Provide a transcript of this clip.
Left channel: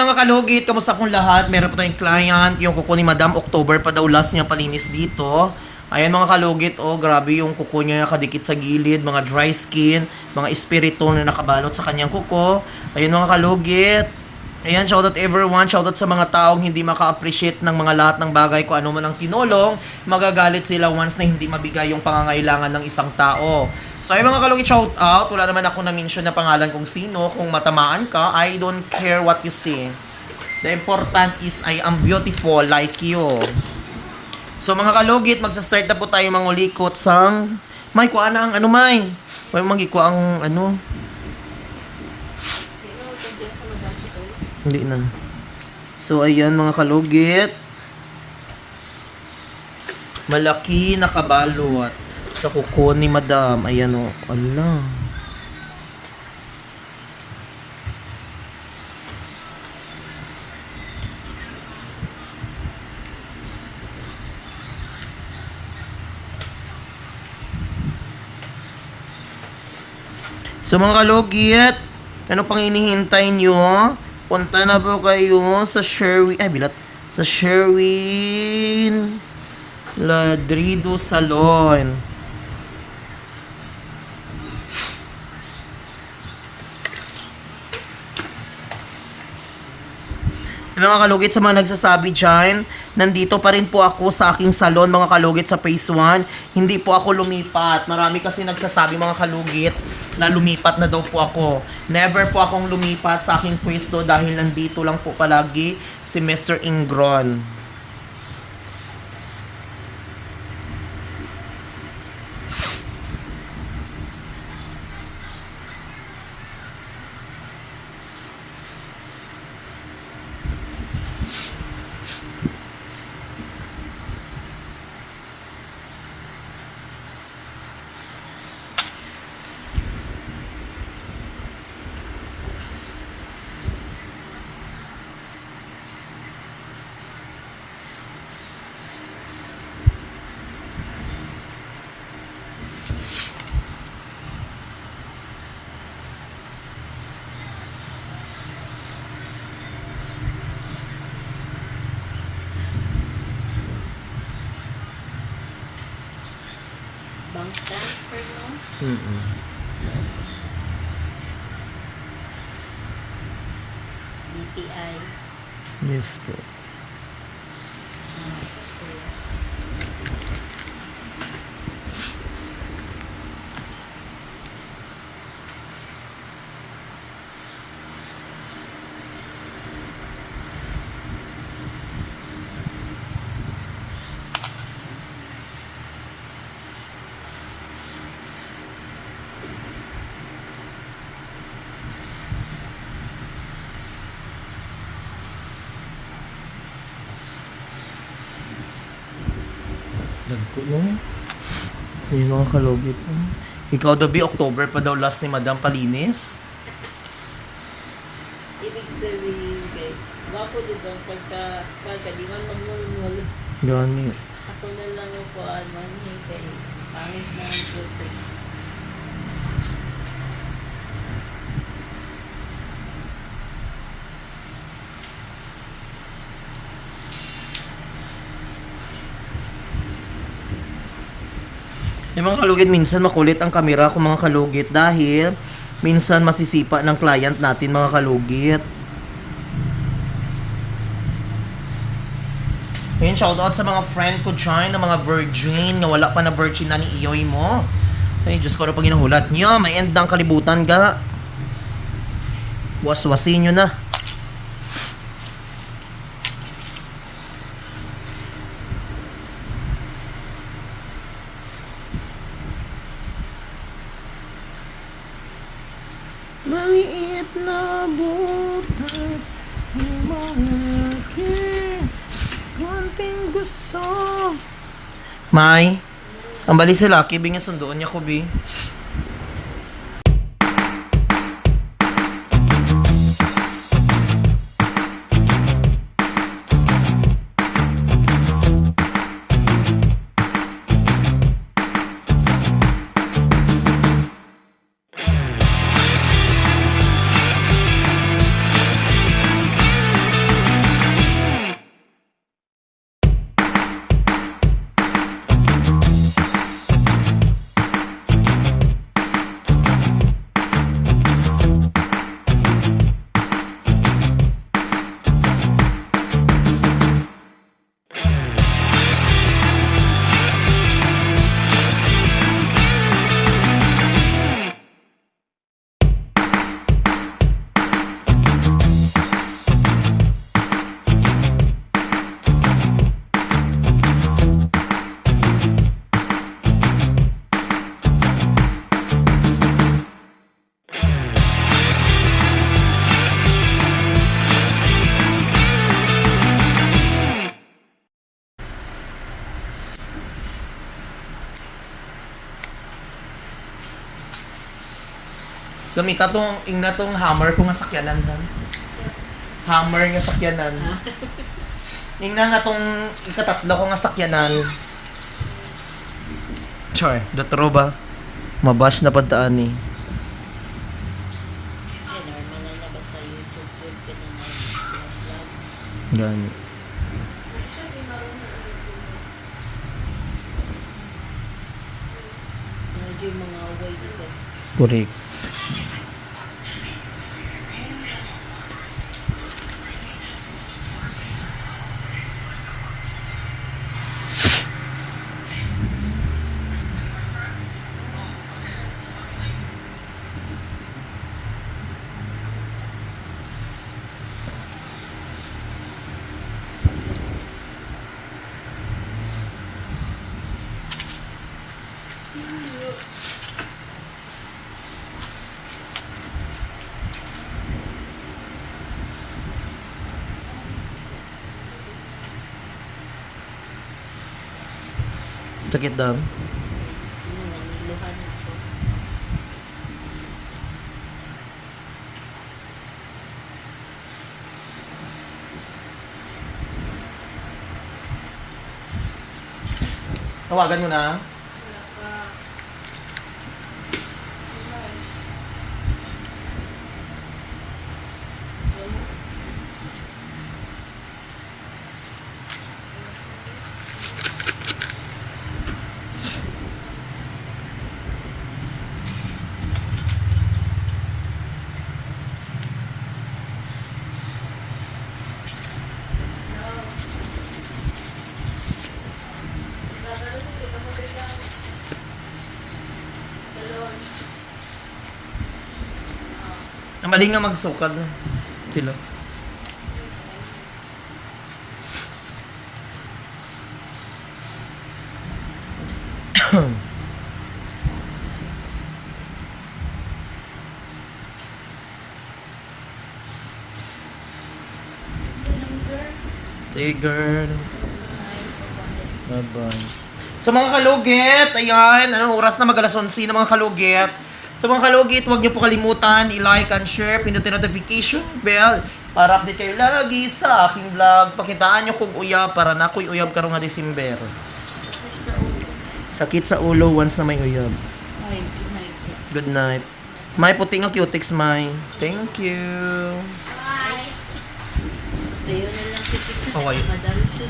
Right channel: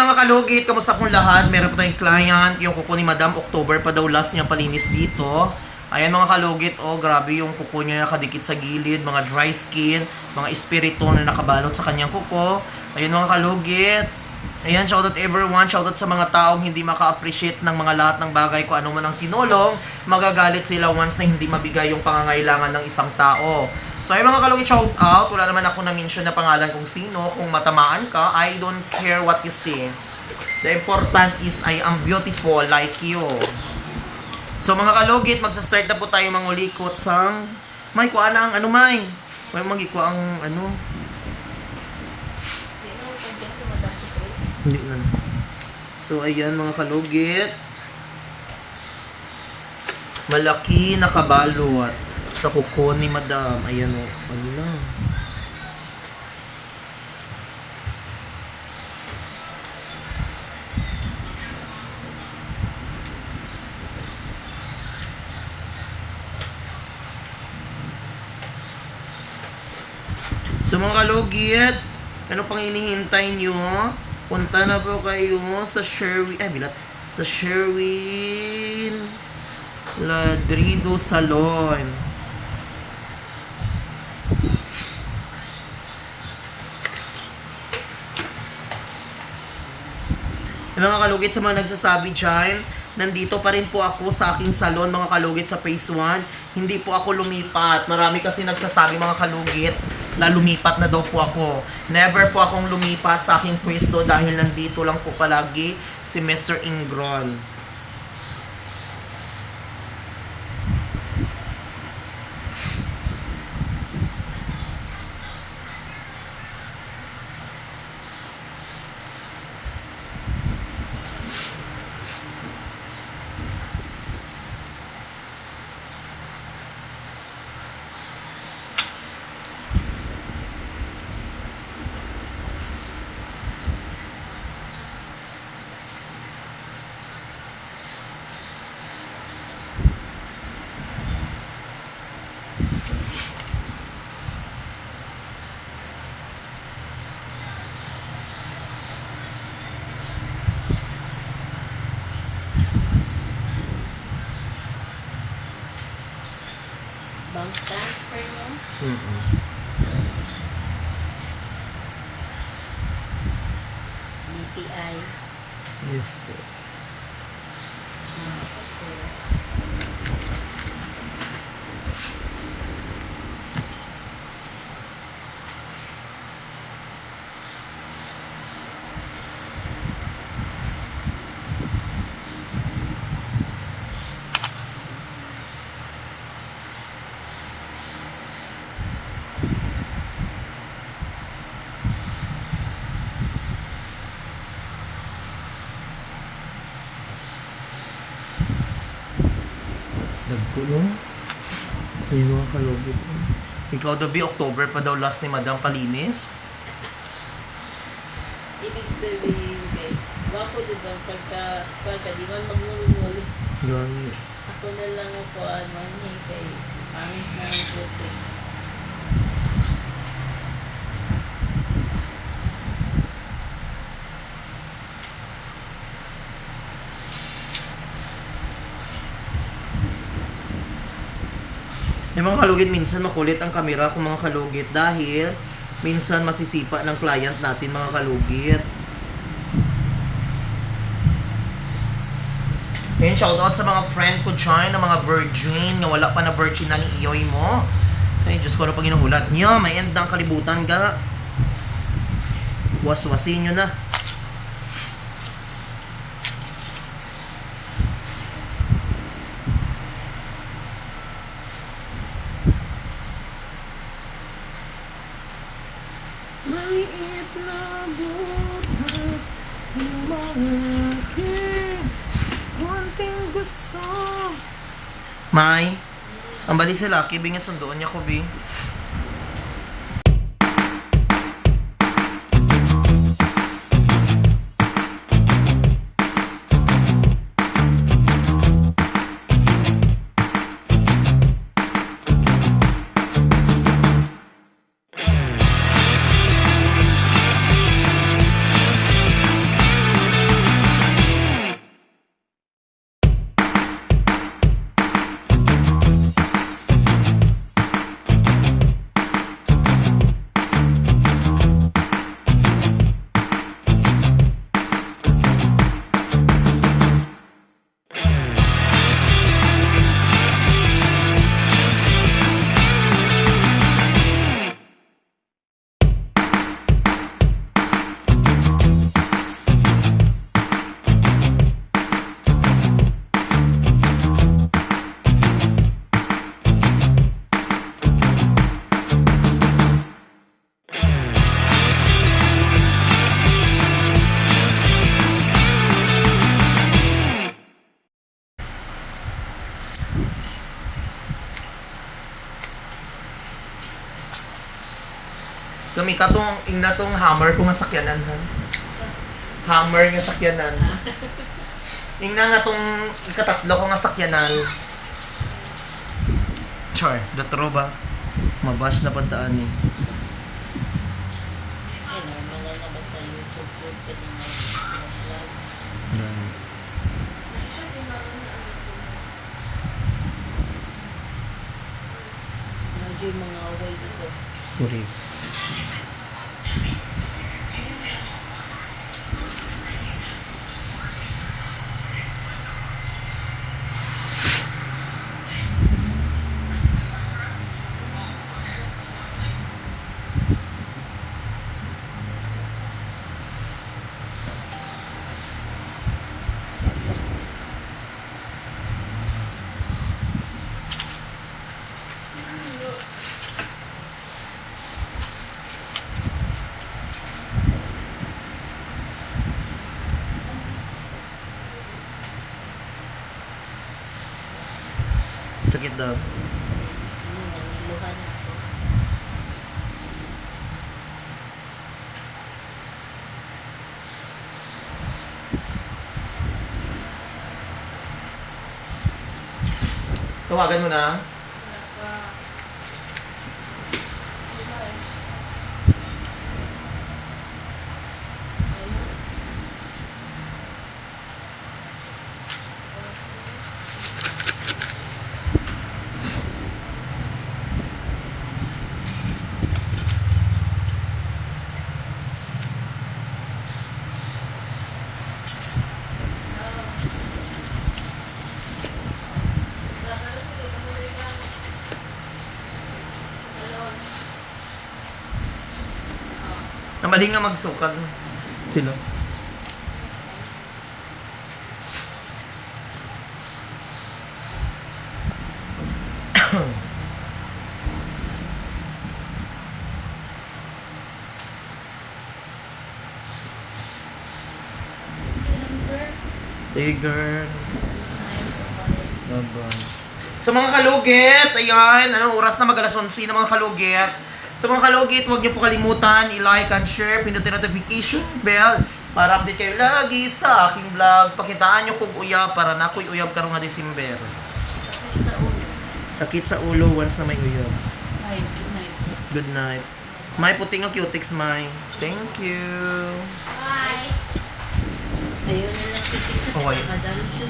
mga kalugit, kamusta pong lahat? Meron po tayong client, yung kuko ni Madam October pa daw last niya palinis dito. Ayan mga kalugit, oh grabe yung kuko niya nakadikit sa gilid, mga dry skin, mga espiritu na nakabalot sa kanyang kuko. Ayun mga kalugit. Ayan, shoutout everyone, shoutout sa mga taong hindi maka-appreciate ng mga lahat ng bagay kung ano man ang tinulong, magagalit sila once na hindi mabigay yung pangangailangan ng isang tao. So ay mga kalugit, shout out. Wala naman ako na-mention na pangalan kung sino. Kung matamaan ka, I don't care what you say. The important is I am beautiful like you. So mga kalugit, magsa-start na po tayo mga ulikot sa... May, kuha na ang ano, May. May magikuha ang ano. Hindi na. So ayan mga kalugit. Malaki na kabalot sa kuko ni Madam. Ayan o. Ano na. So mga kalugit, ano pang inihintay nyo? Punta na po kayo sa Sherwin, ay bilat, sa Sherwin Ladrido Salon. Mga kalugit sa mga nagsasabi dyan, nandito pa rin po ako sa aking salon mga kalugit sa phase 1. Hindi po ako lumipat. Marami kasi nagsasabi mga kalugit na lumipat na daw po ako. Never po akong lumipat sa aking pwesto dahil nandito lang po palagi si Mr. Ingron. Transfer mo? Mm-mm. DTI. Yes po. Nagpo no? Yung mga kalugit. Ikaw daw, Bi, October pa daw last ni Madam Palinis. Ibig sabihin, kay Gwapo din bang pagka, pagka di man magnulunuli. Yan. Ako na lang ako ano niya kay pangit na ang Yung mga kalugit, minsan makulit ang kamera kung mga kalugit dahil minsan masisipa ng client natin mga kalugit. Ayun, shoutout sa mga friend ko dyan, na mga virgin, na wala pa na virgin na ni Iyoy mo. Ay, Diyos ko na pag inuhulat niya, may end ang kalibutan ga. Waswasin nyo na. Maliit na butas Lumaki Konting gusto. May Ang bali si Lucky Bing yung sundoon niya ko Bing Gamita tong, ingna tong hammer ko nga sakyanan ha. Hammer nga sakyanan. Ingna nga tong ikatatlo ko nga sakyanan. Char, dotro ba? Mabash na pagtaan ni. Normal na ba sa YouTube po ka na vlog? Yan. Medyo mga away isa. Correct. Lang, luhan ako. Tawagan mo na. Ang mali nga magsukal sila. Abang. Sa mga kalugit, ayan, anong oras na mag-alas 11 na mga kalugit. Sa mga kalugit, huwag niyo po kalimutan, i-like and share, pindutin notification bell para update kayo lagi sa aking vlog. Pakitaan niyo kung uyab para na ako'y uyab karong nga December. Sakit sa ulo once na may uyab. Ay, good night. Good night. May puting ang cutics, May. Thank you. Ayaw na lang si. Okay. Madali siya